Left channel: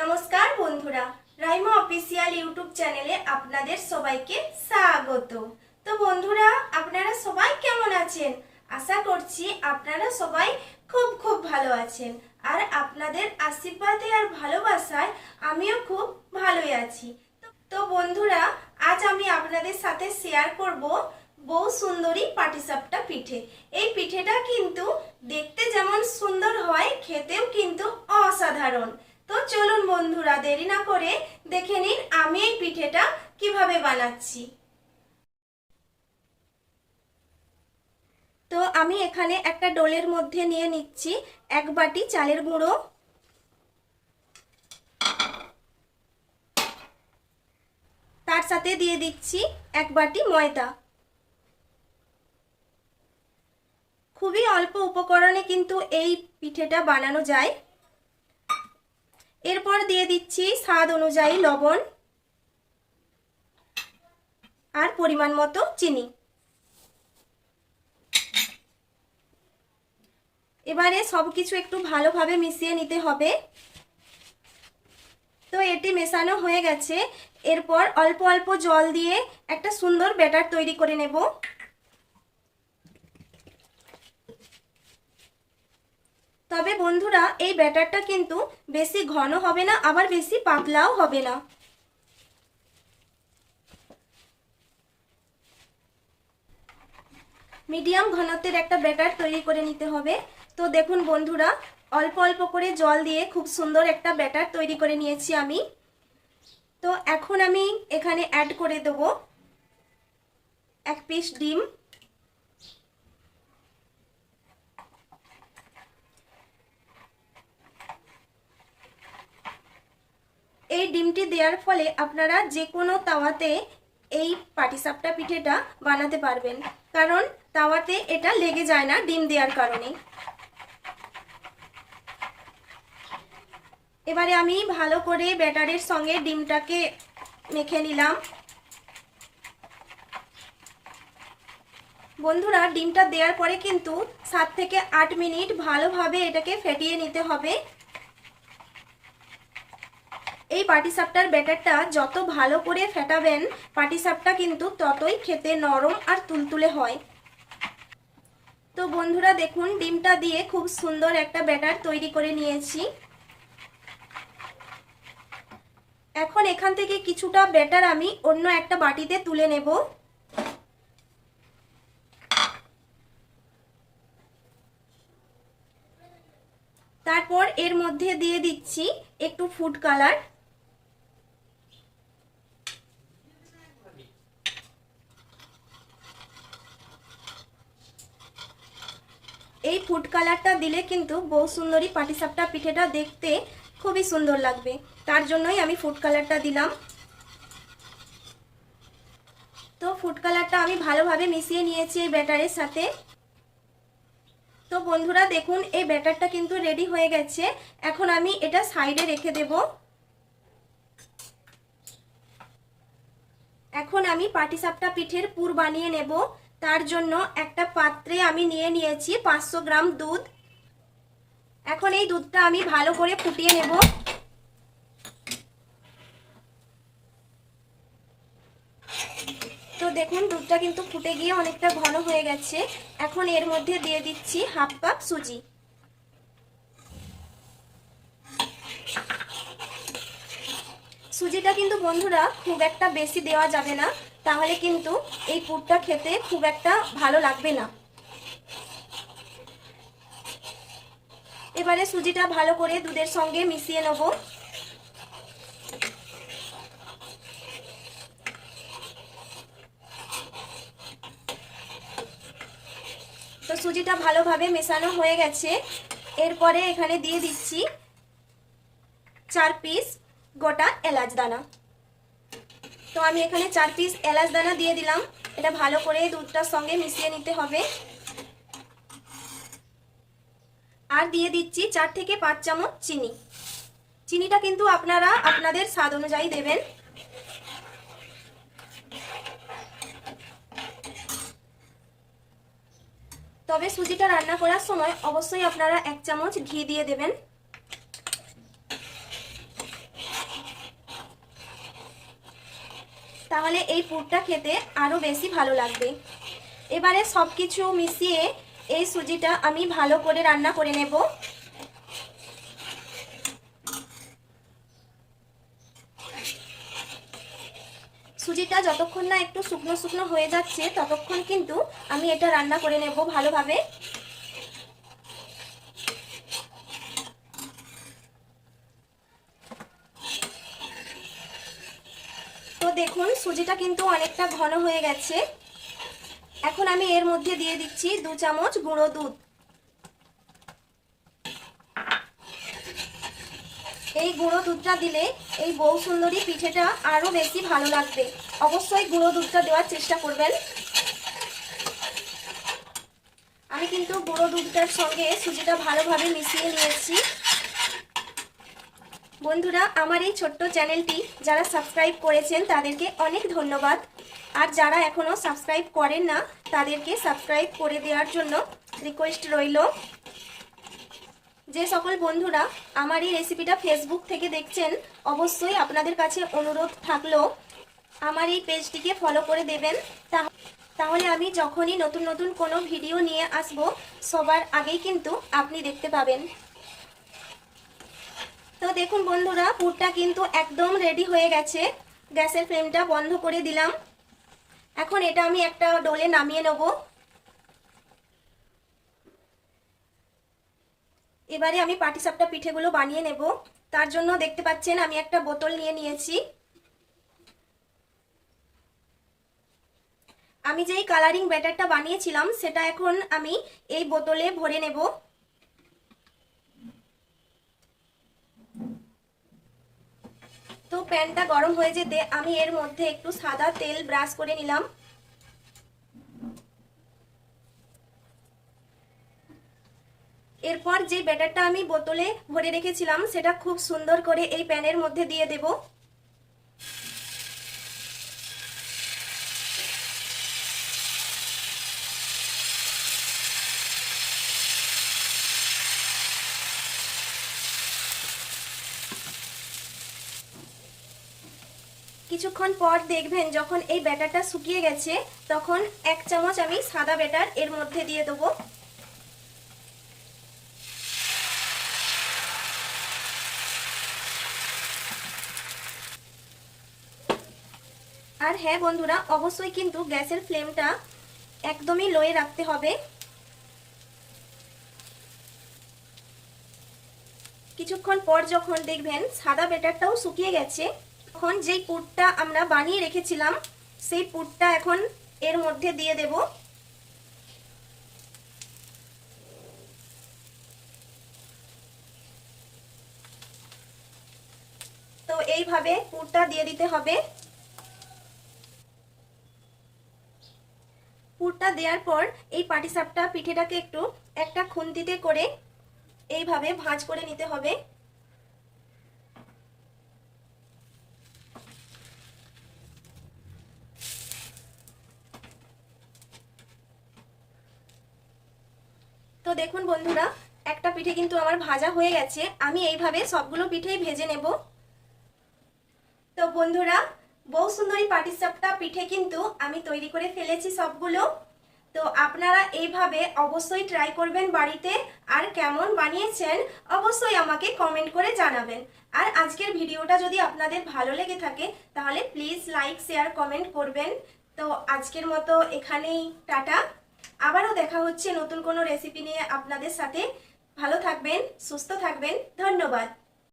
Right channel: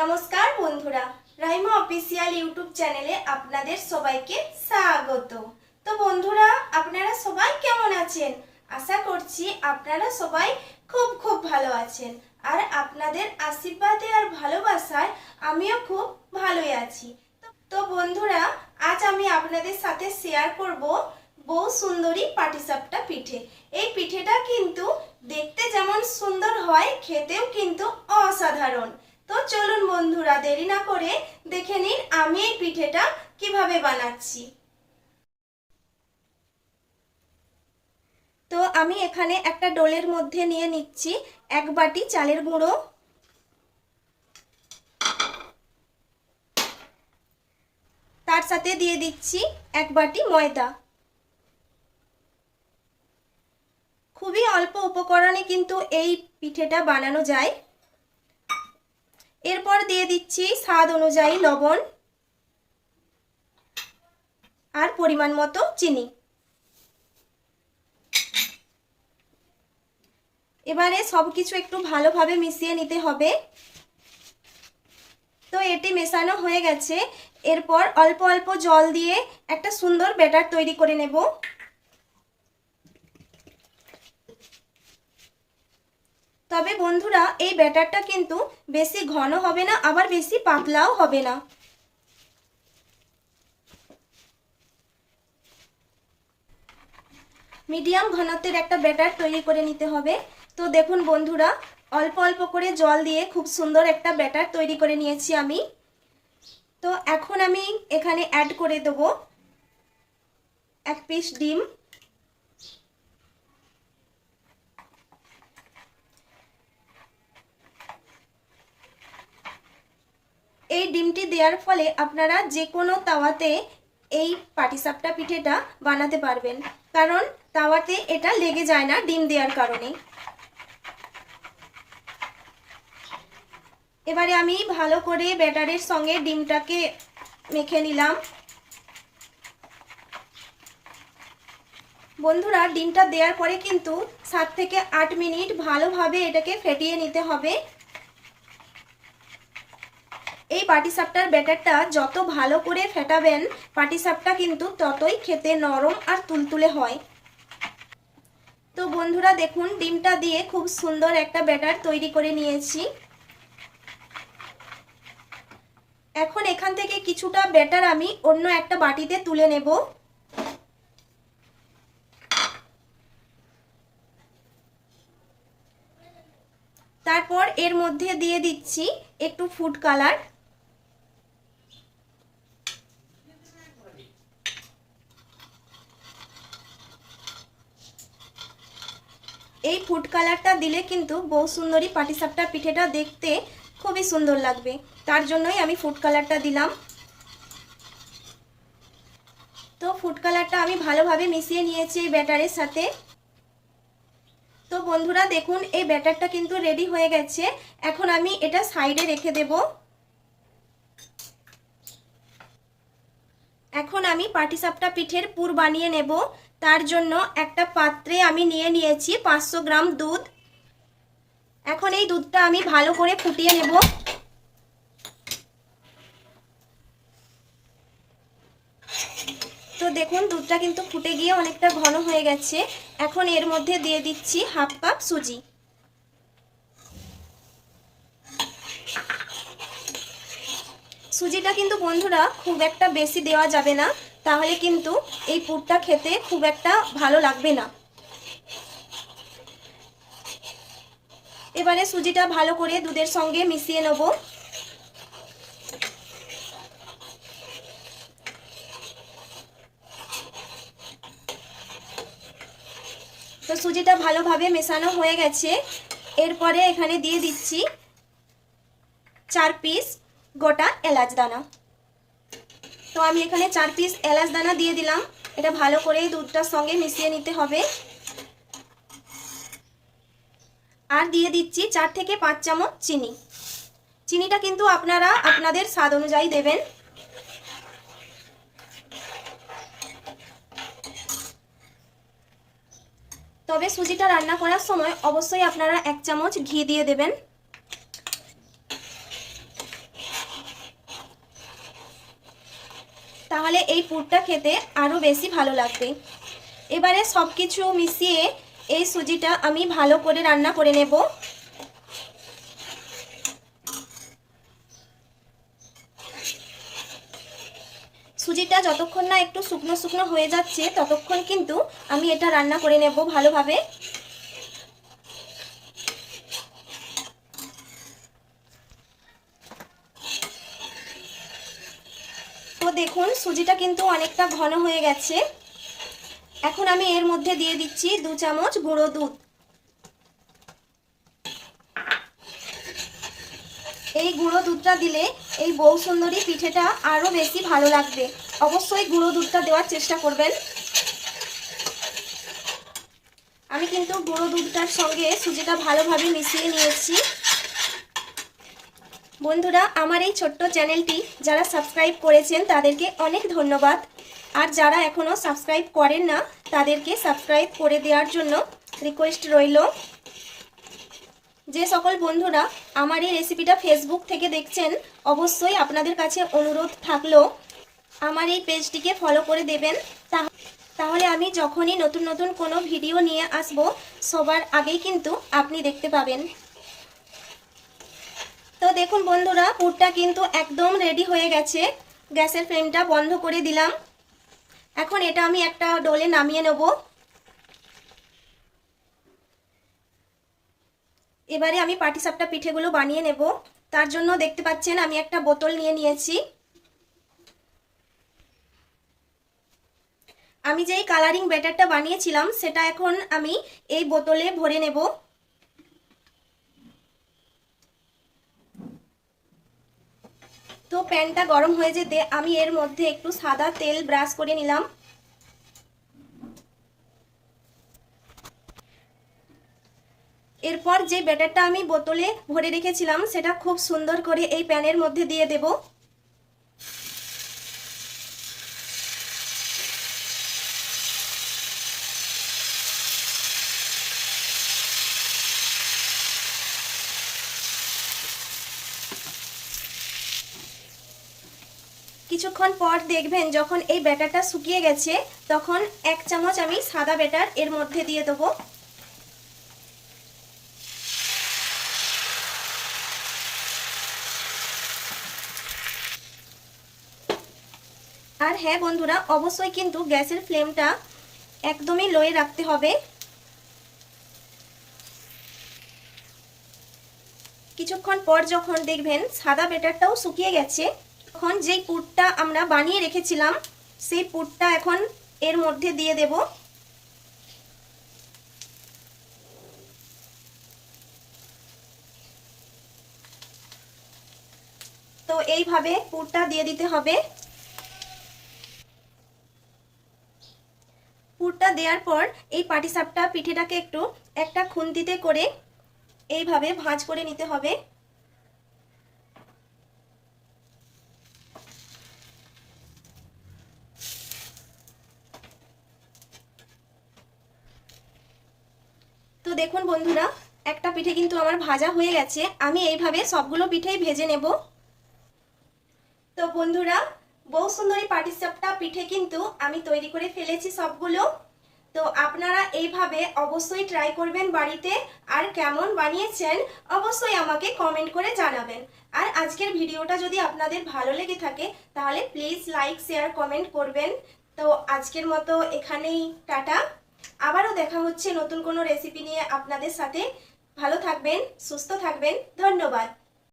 নমস্কার বন্ধুরা, Raima official YouTube চ্যানেলে আপনাদের সবাইকে স্বাগত। তো বন্ধুরা, আপনারা সবাই কেমন আছেন? আশা করছি আপনারা সবাই খুব খুব ভালো আছেন। আর আপনাদের আশীর্বাদে আর ভালোবাসায় আমিও খুব ভালোই আছি। তো বন্ধুরা, আজ আমি আপনাদের সাথে শেয়ার করব বউ সুন্দরী পাটিসাপটা পিঠে। এই পিঠেটা কিন্তু দেখতে যেমন সুন্দর হয়, খেতেও কিন্তু অসাধারণ। তো চলুন বন্ধুরা, দেরি না করে দেখে নিন আমি এই পিঠেটা কিভাবে বানাচ্ছি। তো আমি এখানে একটা ডোলের মধ্যে নিয়ে নিচ্ছি 1 বাটি চালের গুঁড়ো, তার সাথে দিয়ে দিচ্ছি 1 বাটি ময়দা। খুবই অল্প উপকরণে কিন্তু এই পিঠেটা বানানো যায়। এরপর দিয়ে দিচ্ছি স্বাদ অনুযায়ী লবণ আর পরিমাণ মতো চিনি। এবারে সবকিছু একটু ভালোভাবে মিশিয়ে নিতে হবে। তো এটি মেশানো হয়ে গেছে। এরপর অল্প অল্প জল দিয়ে একটা সুন্দর ব্যাটার তৈরি করে নেব। তবে বন্ধুরা, এই ব্যাটারটা কিন্তু বেশি ঘন হবে না, আবার বেশি পাতলাও হবে না। মিডিয়াম ঘনত্বের একটা ব্যাটার তৈরি করে নিতে হবে। তো দেখুন বন্ধুরা, অল্প অল্প করে জল দিয়ে খুব সুন্দর একটা ব্যাটার তৈরি করে নিয়েছি আমি। তো এখন আমি এখানে অ্যাড করে দেব 1 পিস ডিম। এই ডিমটি দেওয়ার ফলে আপনারা যে কোনো তাওয়াতে এই পাটিসাপটা পিঠেটা বানাতে পারবেন, কারণ তাওয়াতে এটা লেগে যায় না ডিম দেওয়ার কারণে। এবারে আমি ভালো করে ব্যাটারের সঙ্গে ডিমটাকে মেখে নিলাম। বন্ধুরা, ডিমটা দেওয়ার পরে কিন্তু 7 থেকে 8 মিনিট ভালোভাবে এটাকে ফেটিয়ে নিতে হবে। এই পাটিসাপটার ব্যাটারটা যত ভালো করে ফেটাবেন, পাটিসাপটা কিন্তু ততই খেতে নরম আর তুলতুলে হয়। তো বন্ধুরা দেখুন, ডিমটা দিয়ে খুব সুন্দর একটা ব্যাটার তৈরি করে নিয়েছি। এখন এখান থেকে কিছুটা ব্যাটার আমি অন্য একটা বাটিতে তুলে নেব। তারপর এর মধ্যে দিয়ে দিচ্ছি একটু ফুড কালার। এই ফুড কালারটা দিলে কিন্তু বউ সুন্দরী পাটিসাপটা পিঠেটা দেখতে খুবই সুন্দর লাগবে, তার জন্যই আমি ফুড কালারটা দিলাম। তো ফুড কালারটা আমি ভালোভাবে মিশিয়ে নিয়েছি এই ব্যাটারের সাথে। তো বন্ধুরা দেখুন, এই ব্যাটারটা কিন্তু রেডি হয়ে গেছে। এখন আমি এটা সাইডে রেখে দেব। এখন আমি পাটিসাপটা পিঠের পুর বানিয়ে নেব। তার জন্য একটা পাত্রে আমি নিয়ে নিয়েছি 500 গ্রাম দুধ। এখন এই দুধটা আমি ভালো করে ফুটিয়ে নেব। তো দেখুন, দুধটা কিন্তু ফুটে গিয়ে অনেকটা ঘন হয়ে গেছে। এখন এর মধ্যে দিয়ে দিচ্ছি 1/2 কাপ সুজি। সুজিটা কিন্তু বন্ধুরা খুব একটা বেশি দেওয়া যাবে না, তাহলে কিন্তু এই পুরটা খেতে খুব একটা ভালো লাগবে না। এবারে সুজিটা ভালো করে দুধের সঙ্গে মিশিয়ে নেব। তো সুজিটা ভালোভাবে মেশানো হয়ে গেছে। এরপরে এখানে দিয়ে দিচ্ছি 4 পিস গোটা এলাচ দানা। তো আমি এখানে 4 পিস এলাচ দানা দিয়ে দিলাম। এটা ভালো করে দুধটার সঙ্গে মিশিয়ে নিতে হবে। আর দিয়ে দিচ্ছি 4 থেকে 5 চামচ চিনি। চিনিটা কিন্তু আপনারা আপনাদের স্বাদ অনুযায়ী দেবেন। তবে সুজিটা রান্না করার সময় অবশ্যই আপনারা 1 চামচ ঘি দিয়ে দেবেন। তাহলে এই পুরটা খেতে আরও বেশি ভালো লাগবে। এবারে সব কিছু মিশিয়ে এই সুজিটা আমি ভালো করে রান্না করে নেব। সুজিটা যতক্ষণ না একটু শুকনো শুকনো হয়ে যাচ্ছে ততক্ষণ কিন্তু আমি এটা রান্না করে নেব ভালোভাবে। তো দেখুন সুজিটা কিন্তু অনেকটা ঘন হয়ে গেছে। এখন আমি এর মধ্যে দিয়ে দিচ্ছি 2 চামচ গুঁড়ো দুধ। এই গুঁড়ো দুধটা দিলে এই বউ সুন্দরী পিঠেটা আরো বেশি ভালো লাগবে। অবশ্যই গুঁড়ো দুধটা দেওয়ার চেষ্টা করবেন। আমি কিন্তু গুঁড়ো দুধটার সঙ্গে সুজিটা ভালোভাবে মিশিয়ে নিয়েছি। বন্ধুরা, আমার এই ছোট্ট চ্যানেলটি যারা সাবস্ক্রাইব করেছেন তাদেরকে অনেক ধন্যবাদ। আর যারা এখনো সাবস্ক্রাইব করেন না তাদেরকে সাবস্ক্রাইব করে দেওয়ার জন্য রিকোয়েস্ট রইল। যে সকল বন্ধুরা আমার এই রেসিপিটা ফেসবুক থেকে দেখছেন, অবশ্যই আপনাদের কাছে অনুরোধ থাকলো আমার এই পেজটিকে ফলো করে দেবেন। তাহলে আমি যখনই নতুন নতুন কোনো ভিডিও নিয়ে আসব সবার আগেই কিন্তু আপনি দেখতে পাবেন। তো দেখুন বন্ধুরা, পুরটা কিন্তু একদম রেডি হয়ে গেছে। গ্যাসের ফ্লেমটা বন্ধ করে দিলাম। এখন এটা আমি একটা ডোলে নামিয়ে নেব। এবারে আমি পাটিসাপটা পিঠেগুলো বানিয়ে নেব। তার জন্য দেখতে পাচ্ছেন আমি একটা বোতল নিয়ে নিয়েছি। আমি যেই কালারিং ব্যাটারটা বানিয়েছিলাম সেটা এখন আমি এই বোতলে ভরে নেব। তো প্যানটা গরম হয়ে যেতে আমি এর মধ্যে একটু সাদা তেল ব্রাশ করে নিলাম। এরপর যে ব্যাটারটা আমি বোতলে ভরে রেখেছিলাম সেটা খুব সুন্দর করে এই প্যানের মধ্যে দিয়ে দেব। কিছুক্ষণ পর দেখবেন যখন এই ব্যাটারটা শুকিয়ে গেছে তখন 1 চামচ আমি সাদা ব্যাটার এর মধ্যে দিয়ে দেবো। আর হ্যাঁ বন্ধুরা, অবশ্যই কিন্তু গ্যাসের ফ্লেমটা একদমই লোয়ে রাখতে হবে। কিছুক্ষণ পর যখন দেখবেন সাদা ব্যাটারটাও শুকিয়ে গেছে তখন যেই পুরটা আমরা বানিয়ে রেখেছিলাম সেই পুরটা এখন এর মধ্যে দিয়ে দেব। তো এইভাবে পুরটা দিয়ে দিতে হবে। পুরটা দেওয়ার পর এই পাটিসাপটা পিঠেটাকে একটু একটা খুন্তিতে করে এইভাবে ভাঁজ করে নিতে হবে। তো দেখুন বন্ধুরা, একটা পিঠে কিন্তু আমার ভাজা হয়ে গেছে। আমি এইভাবে সবগুলো পিঠেই ভেজে নেব। তো বন্ধুরা, বউ সুন্দরী পাটিসাপটা পিঠে কিন্তু আমি তৈরি করে ফেলেছি সবগুলো। তো আপনারা এইভাবে অবশ্যই ট্রাই করবেন বাড়িতে। আর কেমন বানিয়েছেন অবশ্যই আমাকে কমেন্ট করে জানাবেন। আর আজকের ভিডিওটা যদি আপনাদের ভালো লেগে থাকে তাহলে প্লিজ লাইক শেয়ার কমেন্ট করবেন। তো আজকের মতো এখানেই টাটা। আবারও দেখা হচ্ছে নতুন কোনো রেসিপি নিয়ে আপনাদের সাথে। ভালো থাকবেন, সুস্থ থাকবেন। ধন্যবাদ।